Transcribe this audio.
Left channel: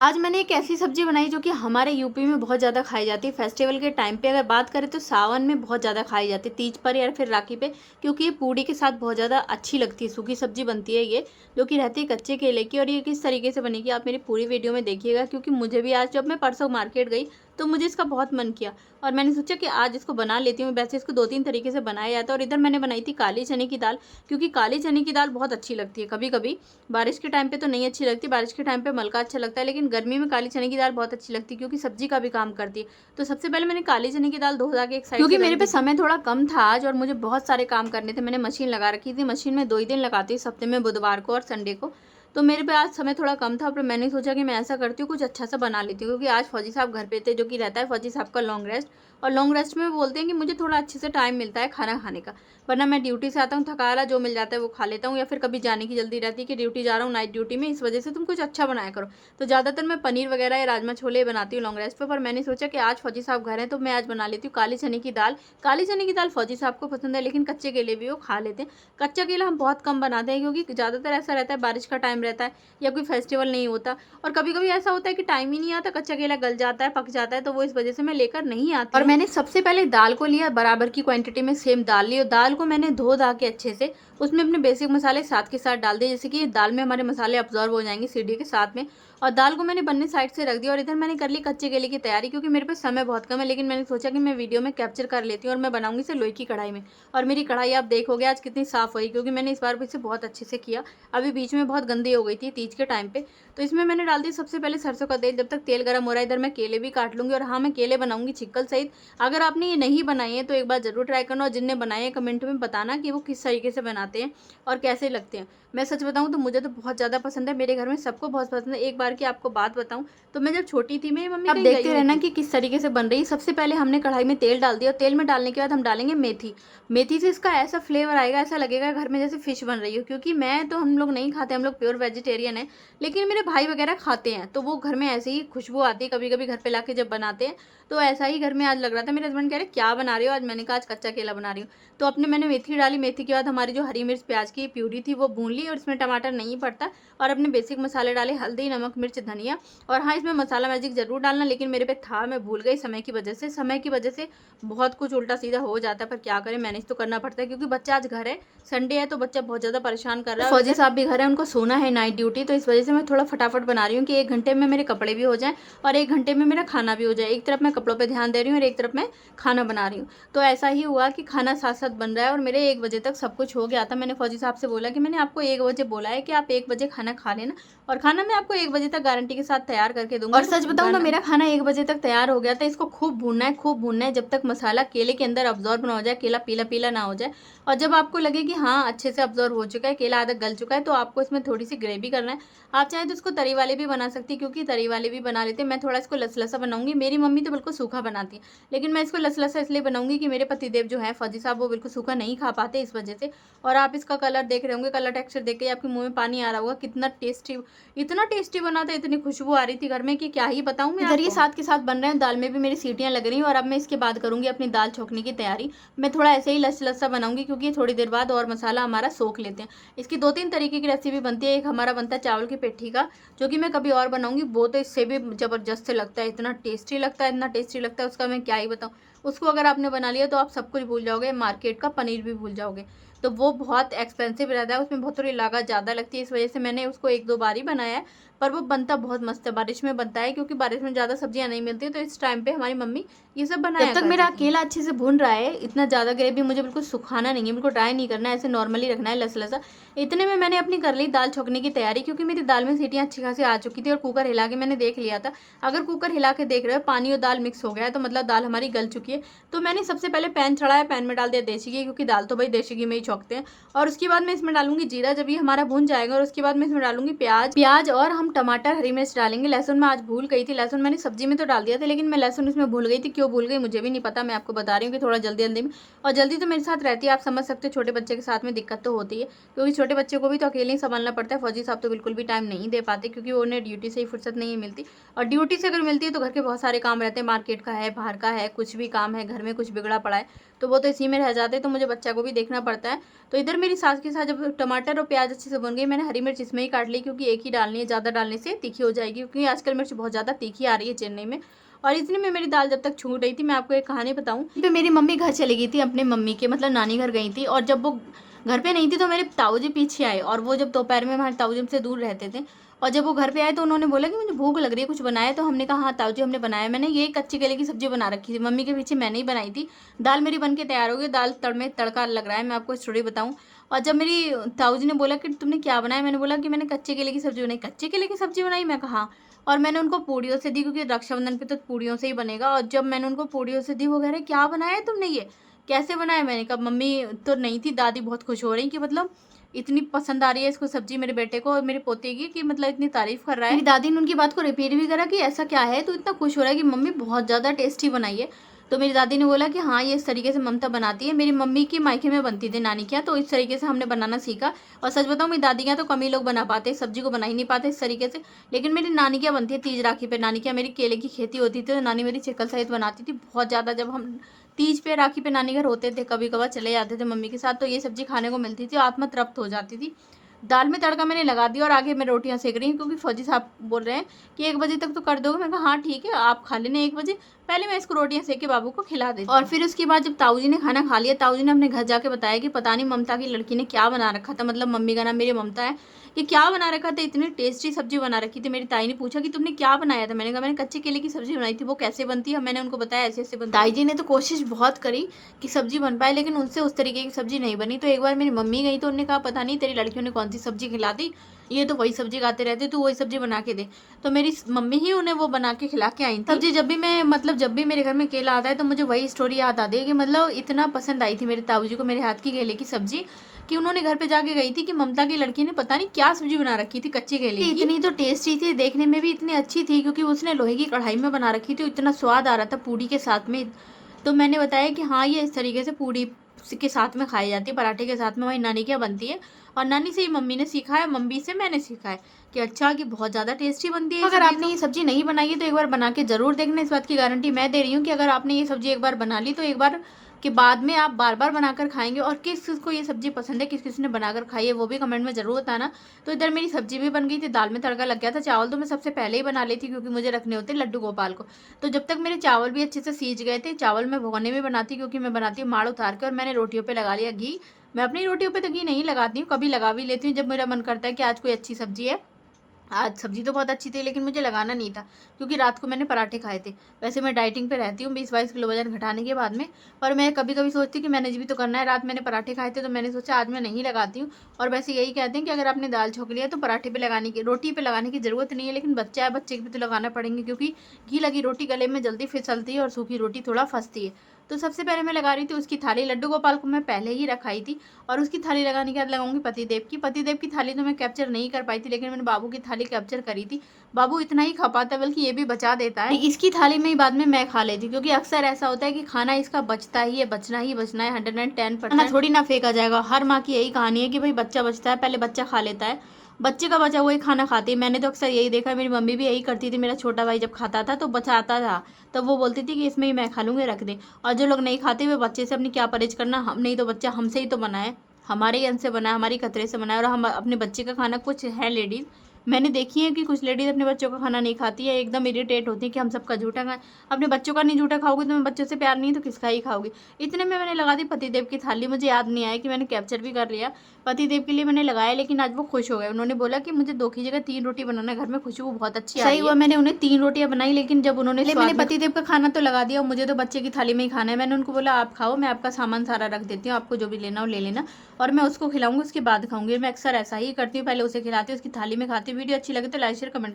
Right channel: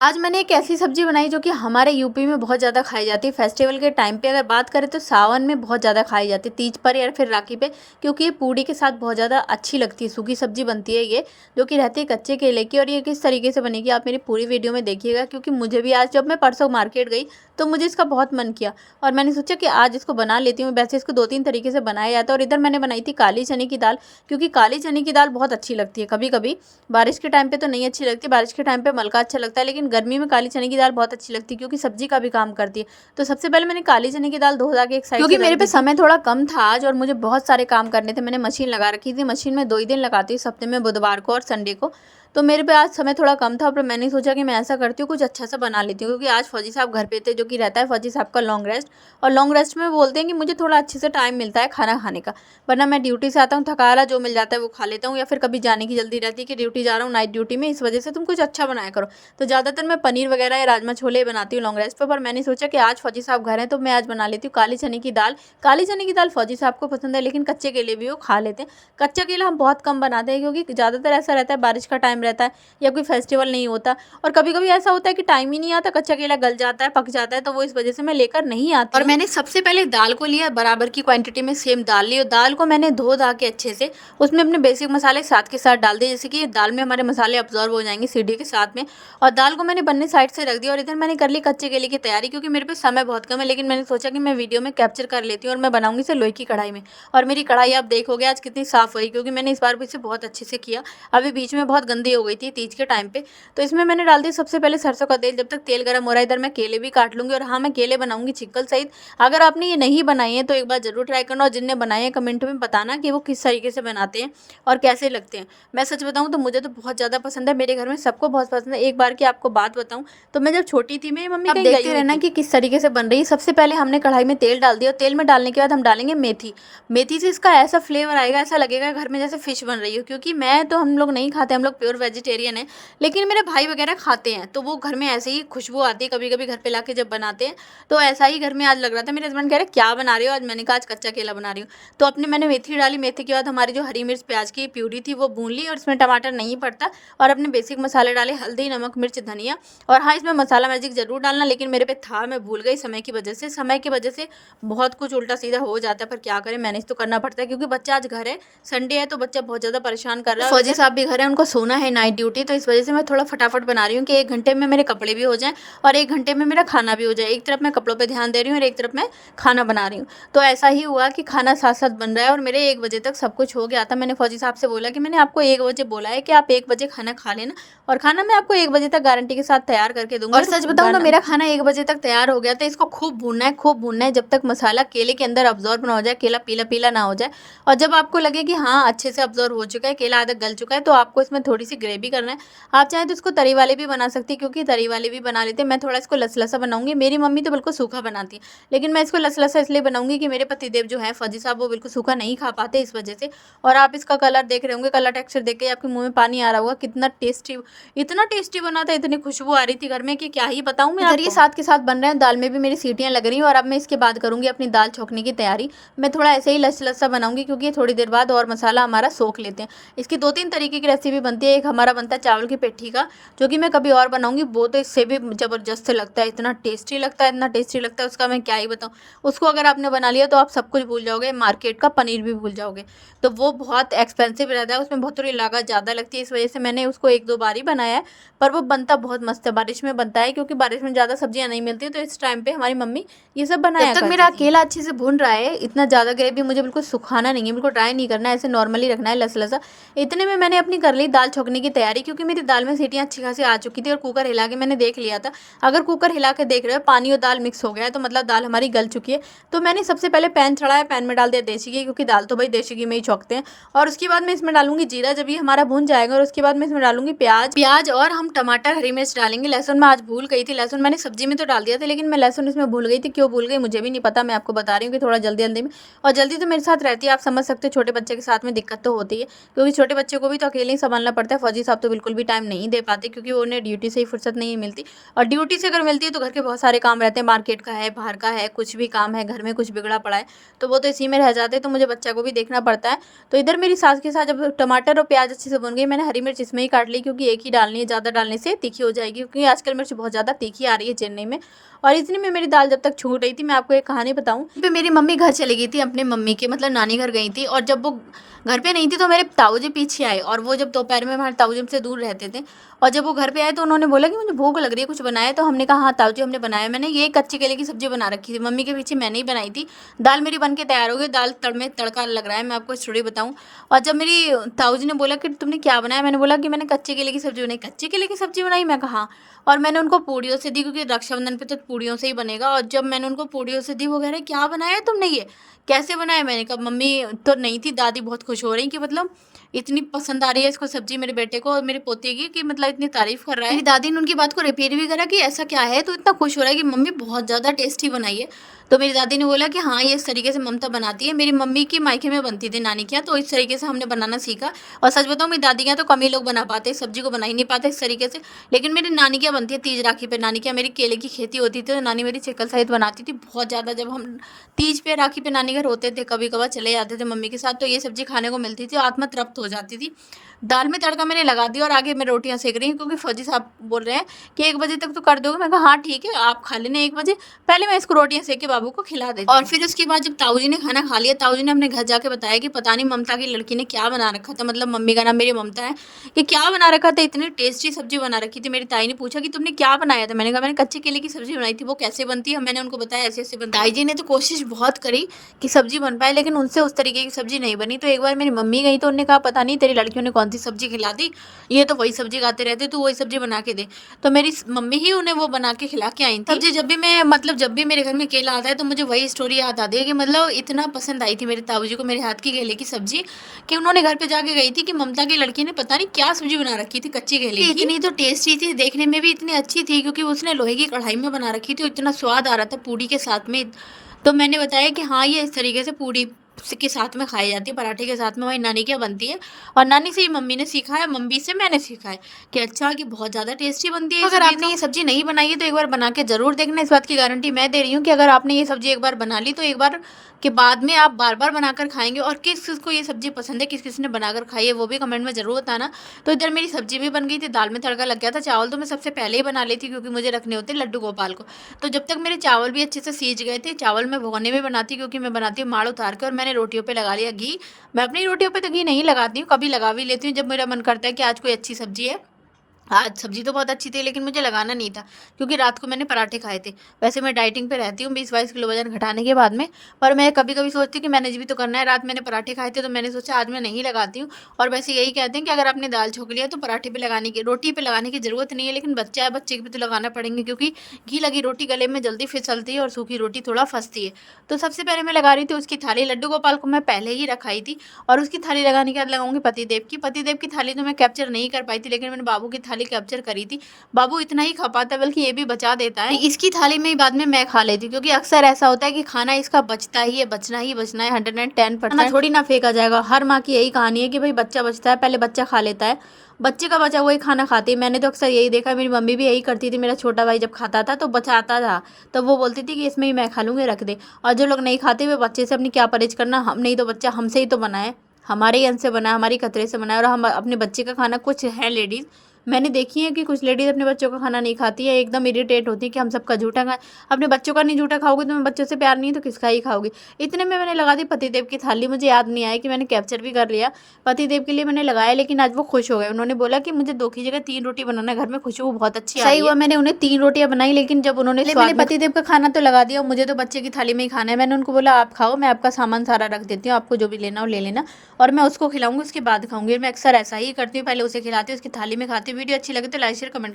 आज मैंने एक ऐसी सब्ज़ी बनाई जो कि हमारे यूपी में बहुत ज़्यादा खाई जाती है। फेस्टिवल के टाइम पे अगर बात करें तो सावन में बहुत ज़्यादा खाई जाती है, तीज पर या फिर राखी पे, क्योंकि ये पूड़ी के साथ बहुत ज़्यादा अच्छी लगती है। सूखी सब्ज़ी बनती है ये, जो कि रहती है कच्चे केले की। और ये किस तरीके से बनेगी आप मेरी पूरी वीडियो में देखिएगा, क्योंकि मुझे भी आज जब मैं परसों मार्केट गई तो मुझे इसका बहुत मन किया और मैंने सोचा कि आज इसको बना लेती हूँ। वैसे इसको 2-3 तरीके से बनाया जाता है। और इधर मैंने बनाई थी काली चने की दाल, क्योंकि काली चने की दाल बहुत अच्छी लगती है। कभी-कभी बारिश के टाइम पे तो नहीं अच्छी लगती, बारिश के टाइम पे मलका अच्छा लगता है, लेकिन गर्मी में काली चने की दाल बहुत अच्छी लगती है, क्योंकि सब्जी का भी काम करती है। तो सबसे पहले मैंने काली चने की दाल धो धा के एक साइड, क्योंकि मेरे पे समय थोड़ा कम था आज और मुझे बहुत सारे काम करने थे। मैंने मशीन लगा रखी थी, मशीन में 2 ही दिन लगाती हूँ, इस हफ्ते में बुधवार को और संडे को। तो मेरे पे आज समय थोड़ा कम था, पर मैंने सोचा कि मैं ऐसा करती हूँ, कुछ अच्छा सा बना लेती हूँ, क्योंकि आज फौजी साहब घर पे थे, जो कि रहता है फौजी साहब का लॉन्ग रेस्ट। और लॉन्ग रेस्ट में बोलते हैं कि मुझे थोड़ा अच्छे से टाइम मिलता है खाना खाने का, वरना मैं ड्यूटी से आता हूँ थका हारा, जो मिल जाता है वो खा लेता हूँ, या फिर कभी जाने की जल्दी रहती है कि ड्यूटी जा रहा हूँ नाइट ड्यूटी में, इस वजह से तुम कुछ अच्छा बनाया करो। तो ज़्यादातर मैं पनीर वगैरह या राजमा छोले बनाती हूँ लॉन्ग रेस्ट पर मैंने सोचा कि आज फौजी साहब घर हैं तो मैं आज बना लेती हूँ काली चने की दाल। काली चने की दाल फौजी साहब को पसंद है, लेकिन कच्चे केले भी वो खा लेते हैं। कच्चा केला हम बहुत कम बनाते हैं, क्योंकि ज़्यादातर ऐसा रहता है बारिश का टाइम रहता है या कोई फेस्टिवल नहीं होता, और कभी कभी ऐसा होता है कि टाइम ही नहीं आता, कच्चा केला गल जाता है, पक जाता है, तो वो इस वजह से मैं लेकर नहीं आती। और मैंने सबसे पहले दाल को लिया, बराबर की क्वांटिटी में सेम दाल ली, और दाल को मैंने धो धा के अच्छे से उसमें अपने बेसिक मसाले साथ के साथ डाल दिए, जैसे कि दाल में हमारे मसाले अब्जॉर्व हो जाएंगे सीढ़ी के साथ में। और दाल को मैंने बनने साइड से रख दिया, और इधर मैंने कर ली कच्चे केले की तैयारी, क्योंकि मेरे पे समय बहुत कम है, लेकिन मैंने सोचा कि मैं वीडियो में कैप्चर कर लेती हूँ और मैं बनाऊंगी इसे लोहे की कढ़ाई में। और मेरी कढ़ाई आप देखोगे आज कितनी साफ हुई, क्योंकि मैंने इस बार भी इसे बहुत अच्छे से किया। अभी बीच में बहुत गंदी हो गई थी तीज के टाइम पे। तो इसमें मैंने डाल दी सबसे पहले सरसों का तेल। जब तक तेल गर्म हो रहा है, इधर मैं केले भी काट लूंगी। और हाँ, मैं केले बनाऊंगी चिक्कल सहित। अगर आपने ये नहीं बनाए हैं तो एक बार जरूर ट्राई करना, और जिनने बनाए हैं कमेंट में बताना कि वो किस तरीके से बनाते हैं और कैसे लगते हैं। मैं सच बताऊं तो मुझे तो बहुत ज़्यादा पसंद है, मेरे घर में सबको बहुत पसंद है। एक बार की आपको बात बताऊं, तो मैं जब छोटी थी, मेरी मम्मी, आप देखते रहना कि किस तरीके से बन रही है। सबसे पहले हमने कढ़ाई में तेल डाल दिया, और तेल में डालने के बाद हम डालेंगे मेथी। मेथी से इसका ऐसा फ्लेवर आएगा, ऐसा लगेगा घर में जैसे फिश बन रही हो। क्योंकि मैं तो, हम लोग नहीं खाते, हम लोग प्योर वेजिटेरियन है, लेकिन मेरे भाई वगैरह खाते हैं, तो वो घर में ऐसे ही खुशबू आती है कभी कभी घर पे लाके जब बनाते हैं। तो ऐसा ही घर में आज लग रहा था। मेरे हस्बैंड कह रहे क्या बना रही हो आज, मैंने कहा आज कच्चा केला बना रही हूँ। तो अपने मैंने मेथी डाली, मेथी के बाद हमारी जो हरी मिर्च प्याज की प्यूरी थी वो भून ली, और इसमें टमाटर नहीं पड़ता। और अपने बेसिक मसाले डाले, हल्दी, नमक, मिर्च, धनिया। और हाँ, इसमें मसाला मैजिक जरूर डालना, लेकिन मेरे पे था, मैं भूल गई समय की वजह से। समय की वजह से बहुत कुछ उल्टा सीधा हो जाता है, पर क्या करें, मैनेज तो करना पड़ता है, क्योंकि बच्चा आज घर है, संडे है, तो बच्चा बहुत ज़्यादा परेशान कर रहा है। फौजी साहब भी घर है, उनको सोना है नाइट ड्यूटी, तो इस वजह से मैं थोड़ा फटाफट बना रही हूँ कि 1 घंटे में मेरे कपड़े भी हो जाएं और 1 घंटे में मेरा खाना भी हो जाए। एक तरफ मैं कपड़ों पे ध्यान दे रही हूँ और एक तरफ मैं खाना बना रही हूँ। तो ऐसा ही हुआ कि खाना साथ साथ बन रहा है, और मेरे 1 बजे तक सब कुछ हो गया था। मैंने फौजी साहब से बोला कि मैंने आपको 1 बजे बोला है कि आप 1 बजे खाना खा लेना, और खाना मैं आपको 1 बजे तक गारंटी के साथ तैयार करके दूंगा। और सच बताऊं तो मेरा खाना 1 बजे तक तैयार हो गया था। इसको खूब भूनना है, खूब भूनना है, जब तक मसाला केले के अंदर अब्जॉर्ब ना हो जाए, केला पीला पीला ना हो जाए। और जब आपको लगे कि हाँ अच्छे से अब्जॉर्ब हो चुका है, केला आधा गल चुका है, तो आपको इसमें थोड़ी सी ग्रेवी करना है। आप चाहें तो इसको तरी वाले भी बना सकती है, क्योंकि तरी वाले भी बना लेते हैं। मैं थोड़ा इसको लसलसा बनाऊंगी, मेरी मम्मी तो बिल्कुल सूखा बनाती है, लेकिन मैं इसको लसलसा इसलिए बनाऊंगी कि मेरे पतिदेव जो है फौजी साहब, वो बिल्कुल सूखा नहीं खा पाते, इस वजह से। और आप इसका कलर देख रहे होंगे, कलर टेक्सचर देख के आपके मुंह में पानी आ रहा होगा, कितना टेस्टी, इतना टेस्टी बना था, इतनी खुशबू आ रही थी घर में कि क्या ही बताऊं मैं। इधर ये साथ के साथ बन रहे हैं, दाल में भी मेरी सीटियां लग रही हैं, और अब मैं इसके बाद करूंगी अपनी दाल छोंकने की तैयारी। मैं थोड़ा ऐसे ही लसलसा बनाऊंगी, क्योंकि थोड़ी देर बाद और मसाला हमारा सोख लेते हैं। इसकी 2-3 तरीके की रेसिपी बनती है। एक हमारा बनता है चावल की पिट्ठी का, जो कि मैं कभी और बनाऊंगी, वो तो इससे भी ज़बरदस्त लगता है, इतना टेस्टी लगता है, इतना टेस्टी लगता है, उसका मैं क्या ही बताऊँ। उसको अगर आपने बना लिया तो आप सब कुछ भूल जाओगे, मार्केट का पनीर भी भूल जाओगे। तो वो बहुत एक्सपेंसिव रहता है, उसमें बहुत थोड़ी लागत ज़्यादा लगती है, इस वजह से मैंने उसको 1-2 बार ही बनाया है। पर वो बनता बहुत मस्त है, बारिश में बनता है, क्योंकि बारिश में ज़्यादा सब्जियां नहीं मिलती, तो इस टाइम पे हमारी मम्मी ये सब बनाया करती थी। जब तक मेरा केला अच्छे से भून रहा है, इतना ज़्यादा ग्रेवी मुझे बिल्कुल सुखाना नहीं है, बिल्कुल ड्राई नहीं करना है, ऐसे नॉर्मली रखना है लसलसा। इतने में मैंने अपनी कर ली दाल छोंकने की तैयारी, क्योंकि मेरी दाल में सीटियाँ अच्छी खासी आ चुकी थी, और कुकर हिला के मैंने देख लिया था। अगर कुकर हिला के देख रहे हो पानी और दाल मिक्स हो गया है, तो मतलब दाल हमारी गल चुकी है। तो मैंने सबसे पहले पैन चढ़ाया, पैन में डाल दिया देसी घी, क्योंकि दाल तो भाई देसी घी में ही छोंकते हैं। और उसके बाद मैं इसमें डालूंगी जीरा, जब ये हमारा भून जाएगा, और उसके बाद मैं इसमें डालूंगी प्याज प्याज और हम टमाटर, हरी मिर्च डालेंगे। लहसुन मैं आज भूल गई थी, लहसुन मैंने सब्जी में तो डाल दिया था, लेकिन मैं लहसुन इसमें भूल गई थी। क्यों भूल गई मुझे भी नहीं पता, मैं आपको बता रही हूँ कि थोड़ा जल्दी जल्दी में। और जल्दी तो मेरे साथ रहती है, आप समझ सकते हो, छोटे बच्चे के साथ में दिक्कत तो होती है, क्योंकि छोटे बच्चे को भी तो अकेले ही संभालना पड़ता है। फौजी साहब तो बिल्कुल भी टाइम नहीं दे पाते, क्योंकि उन्हें ड्यूटी से ही फुर्सत नहीं मिलती, और ड्यूटी से अगर मिलती है तो घर के बहुत सारे काम रहते हैं, मार्केट का है, बाहर का है, कुछ भी काम है, घर में कुछ बिगड़ा पड़ा है तो वो तो इसी में रह जाते हैं, तो मुझे बच्चा को भी देखना पड़ता है। तो इधर मेरी सास के साथ जब टमाटर और प्याज अच्छे से बन गई, मैंने हरी मिर्च इसमें ही काट ली, क्योंकि एक ही डालनी है, ज़्यादा डालने से तीखी हो जाएगी, क्योंकि आजकल मिर्च बहुत ज़्यादा तीखी आ रही है चेन्नई में। और इतनी में मेरी दाल जब तक छूट रही थी, मैं आपको एक कहानी बताऊं, पे मेरी मम्मी घर चली गई थी, अपने मम्मी के मतलब नानी घर गई थी, और जब वो घर पे नहीं थी तो मेरे ताऊ जी पीछे आए, और वो जब दोपहर में हमारे ताऊ जी हमसे दूर रहते थे, और जब वो घर पे आए तो उन्होंने बोला कि मुझे भूख लग रही है, कुछ बनाए, तो हमने कहा हाँ ताऊ जी हमने बनाया, मैंने ये कच्चे केले की सब्जी बना रखी थी, मम्मी के पीछे मैंने ही बनाई थी। दाल मेरी बन के तैयार हो गई, दाल में तड़का लग रहा है, मैं आपको स्टोरी बताऊं। और जब मेरी ताऊ जी ने बोला कि तुमने क्या बनाया, मैंने बोला कि मैंने कच्चे केले की सब्जी बनाई। कच्चे केले की सब्जी बनाई, मैं कहा, और मैंने उनको पूड़ियों से दी, क्योंकि रक्षाबंधन पे तो पूड़ियों से ही बनेगा। और जब मैंने उनको पूड़ियों से दी, वो कह रहे क्या बनाया है तुमने, ये कैसे बनाया। मैंने कहा मम्मी तो नहीं थी, दादी बहुत खुश हो रही कि मतलब इतनी पसंद आ रही है इसको सब्जी मेरे बेटे को और मेरे पोते की, कि मतलब इतनी तारीफ कर रहा है। मेरी दादी ने उनकी बात को रिपीट भी करा कि ऐसा क्या है तो इतना खुश हो रहा है कि मम्मी बहुत ज़्यादा टेस्टी बनाई है। तो मेरी दादी ने बोला कि हाँ ये इस तरीके से ममता बनाती है, मेरी मम्मी की मायके में बनती थी नानी के यहाँ, तो इस तरीके से हमने बनाना सीखा। और सच बताऊँ मेरी दादी के यहाँ तो कम ही लोग बना पाते, सब्जी को बना ही नहीं पाते इस तरीके से। लेकिन मेरी नानी के यहाँ बनती है तीज राखी पे, नानी के यहाँ मेरी केले की खेती होती थी, तो नानी मेरी चिकन सहित बनाती थी बहुत ज़्यादा। जब हम तीज पे राखी पे नानी घर होते थे, कभी कभार चले जाते थे मम्मी के साथ, तो ये सब्जी खाने को मिलती थी, आत्मा तृप्त हो जाती थी। दाल में तड़का मैंने लगा दिया और आगे मैं रोटियां सेक रही हूँ, क्योंकि फौजी साहब बोल रहे हैं कि 1 बजे तक तो कर दोगे। मैं कहा हाँ ठीक है, आप खा लेना 1 बजे, पहले मैं इसको रोटियां सेक के बाबू को खिला देती हूँ। और फिर उसके बाद जब ताऊ जी ने खाना खा लिया, ताऊ जी ने अपने घर जाके बताया कि पता नहीं ममता की लड़की ने क्या बना रखा था, मतलब मम्मी का नाम मेरी ममता है, कि क्या बना रखा था, इतनी टेस्टी सब्जी बना रखी थी। मेरी ताई ने पूछा कि तुमने क्या बनाया था, मैंने कहा मैंने कच्चे केले की सब्जी बनाई थी। वो कैसे बनती है, मैंने उनको बताया ऐसे ऐसे बनती है। ताई जी ने तो कोशिश बहुत करी कि सब्जी बन पाए, लेकिन उनसे उस तरीके की सब्जी नहीं बनी। तो एक बार मेरी मम्मी गई तो उन्होंने कहा पता नहीं तेरी लड़कियों ने कौन सी सब्जी खिला दी, ये तो वही सब्जी खाते रहते, तू वही सब्जी बना के दे। तो मेरी मम्मी ही उन्हें वो बना के खिला के आई थी सब्जी। जब भी मैं मतलब जब भी मेरे घर में केला आता है तो मुझे वही स्टोरी याद आती है कि मतलब इतना पसंद आई थी मेरे ताऊ जी को मेरे हाथ की केले की सब्जी, कि उन्होंने घर पे जाके गई थी कि ममता की लड़की ने पता नहीं क्या सब्जी बना रखी थी कच्ची केले की, इतनी तो टेस्टी थी, देखने में भी इतनी अच्छी थी, क्योंकि उसने लोहे की कढ़ाई में बना रखी थी, इतना स्वाद आ रहा था पूड़ी के साथ में। तो मैंने बताया कि हाँ ये इस तरीके से पूड़ी के साथ में खाई जाती है, पराठे के साथ में, हमारी नानी क्या बनती है। और नानी से ही मम्मी ने सीखा है, मम्मी से मैंने सीखा है कि अच्छा कि बहुत ज़्यादा टेस्टी बनती है। अगर आपने ये सब्जी नहीं बनाई है तो एक बार बना के ज़रूर देखना, इस बात की गारंटी मैं दे रही हूँ कि अगर आपने ये सब्जी एक बार बना ली तो एक बार के बाद में आप बार बार बनाकर खाएंगे। और किस किस को ये सब्जी पसंद है, किस किस ने बनाकर खाई है, वो भी कमेंट में ज़रूर बताना। तो इधर मेरी सब्जी भी बन गई थी, दाल में तड़का लग गया था, चावल तो मैं सबसे पहले ही बना लेती क्योंकि मुझे रखने होते लड्डू गोपाल को। तो जब तक मेरे चावल भी अच्छे से सीज गए थे, चावल मैं भगोने में बनाती क्योंकि मैं बनाती हूँ माड़ उतार कर, और मैंने रोटियों पर लगा लिया घी। मैं अपनी रोटियों पर तो घी नहीं लगाती हूँ, कभी लगा भी लेती हूँ जब मेरा मन करता है कि आज कोई अच्छी सब्जी है। आज सब्जी तो बहुत अच्छी थी लेकिन मुझे लगाना नहीं था, क्योंकि रात को मैंने पराठे खाए थे। वैसे मैं डाइटिंग पे रहती हूँ 20-22 किलो वजन घटाने के बाद में, पर मैं कभी कभी सोचती हूँ कि मैनेज भी तो करना है। रात मैंने पराठे खाए थे तो मैंने सोचा आज मैं नहीं लगाती हूँ। और वैसे यही कहते हैं कि अगर आपने दाल छोक लिया तो पराठे पे लगाने की, रोटी पे लगाने की ज़रूरत नहीं है, लेकिन बच्चा है, बच्चे पे तो लगाना पड़ेंगे, क्योंकि घी लगी रोटी गले में जल्दी फिसलती है और सूखी रोटी थोड़ा फंसती है। तो सबसे पहले मैं लगा रही थी उसकी थाली, लड्डू गोपाल को मैं पहले ही रखाई थी, और उसकी थाली लगाने के बाद लगाऊंगी पतिदेव की। पतिदेव की थाली तो मैं कैप्चर नहीं कर पाई थी, लेकिन मैंने बाबू की थाली कैप्चर करी थी। बाबू इतना ही खा पाता, बल्कि ये भी बचा देता है, इसकी थाली में ही बाद में मैं खा लेती हूँ, क्योंकि अक्सर ऐसा होता है कि खाना इसका बचता ही है, बचना ही बचना है, 110% थोड़ी ना फेंका जाएगा। हर माँ की यही कहानी है कि भाई बच्चा बचता है, पहले बच्चा खा लेता है, बच्चे का बचा हुआ ही खाना खाती है। मैंने तो अक्सर यही देखा, मेरी मम्मी भी यही करती थी। मेरा छोटा भाई जब खाता था तो बचाता था, तो वो बोलती थी कि इसमें ही मैं खा लूँगी, रख दे। और जो लोग नहीं खाते वे बच्चे से अपनी क्या परहेज करना, हम नहीं तो बच्चा हमसे ही तो बना है, हमारे ही अन्न से बना है, हमारी खतरे से बना है। और हम अपने बच्चे का खाना, कुछ है लेडीज़ मैंने देखी है कि कुछ लेडीज़ अपने बच्चों का खाना नहीं खाती है, एकदम इरिटेट होती है कि हम सबका झूठा खाएं। अपने बच्चों का नहीं झूठा खाओगे तो मैं बच्चों से प्यार नहीं तो किसका ही खाओगे। इतने में मैंने लगा दी पतिदेव की थाली, मुझे याद नहीं आया कि मैंने कैप्चर भी कर लिया। पतिदेव के लिए मैंने लगाया, लेकिन आज वो खुश हो गए, उन्होंने बोला कि मुझे 2 की जगह 3 रोटी बनाना, घर में खुशबू बहुत अच्छी सही हुआ। मैंने उन्हें 3 रोटियां बनाई, लेकिन जब उन्होंने मैंने पतिदेव का खाना तो लगा दिया, मुझे तो बच्चे की थाली में ही खाना है। मैंने उनको बोला आप खाओ, मैं आपका सामान सारा रख देती हूँ, आपको जो भी लेना हो ले लेना, और मैं उसको खिलाऊंगी, उसके बाद खाऊंगी। मैं अक्सर ऐसा ही करती हूँ, पहले उसे खिलाती हूँ, उसकी थाली में खाती हूँ। वीडियो अच्छी लगे तो लाइक शेयर कमेंट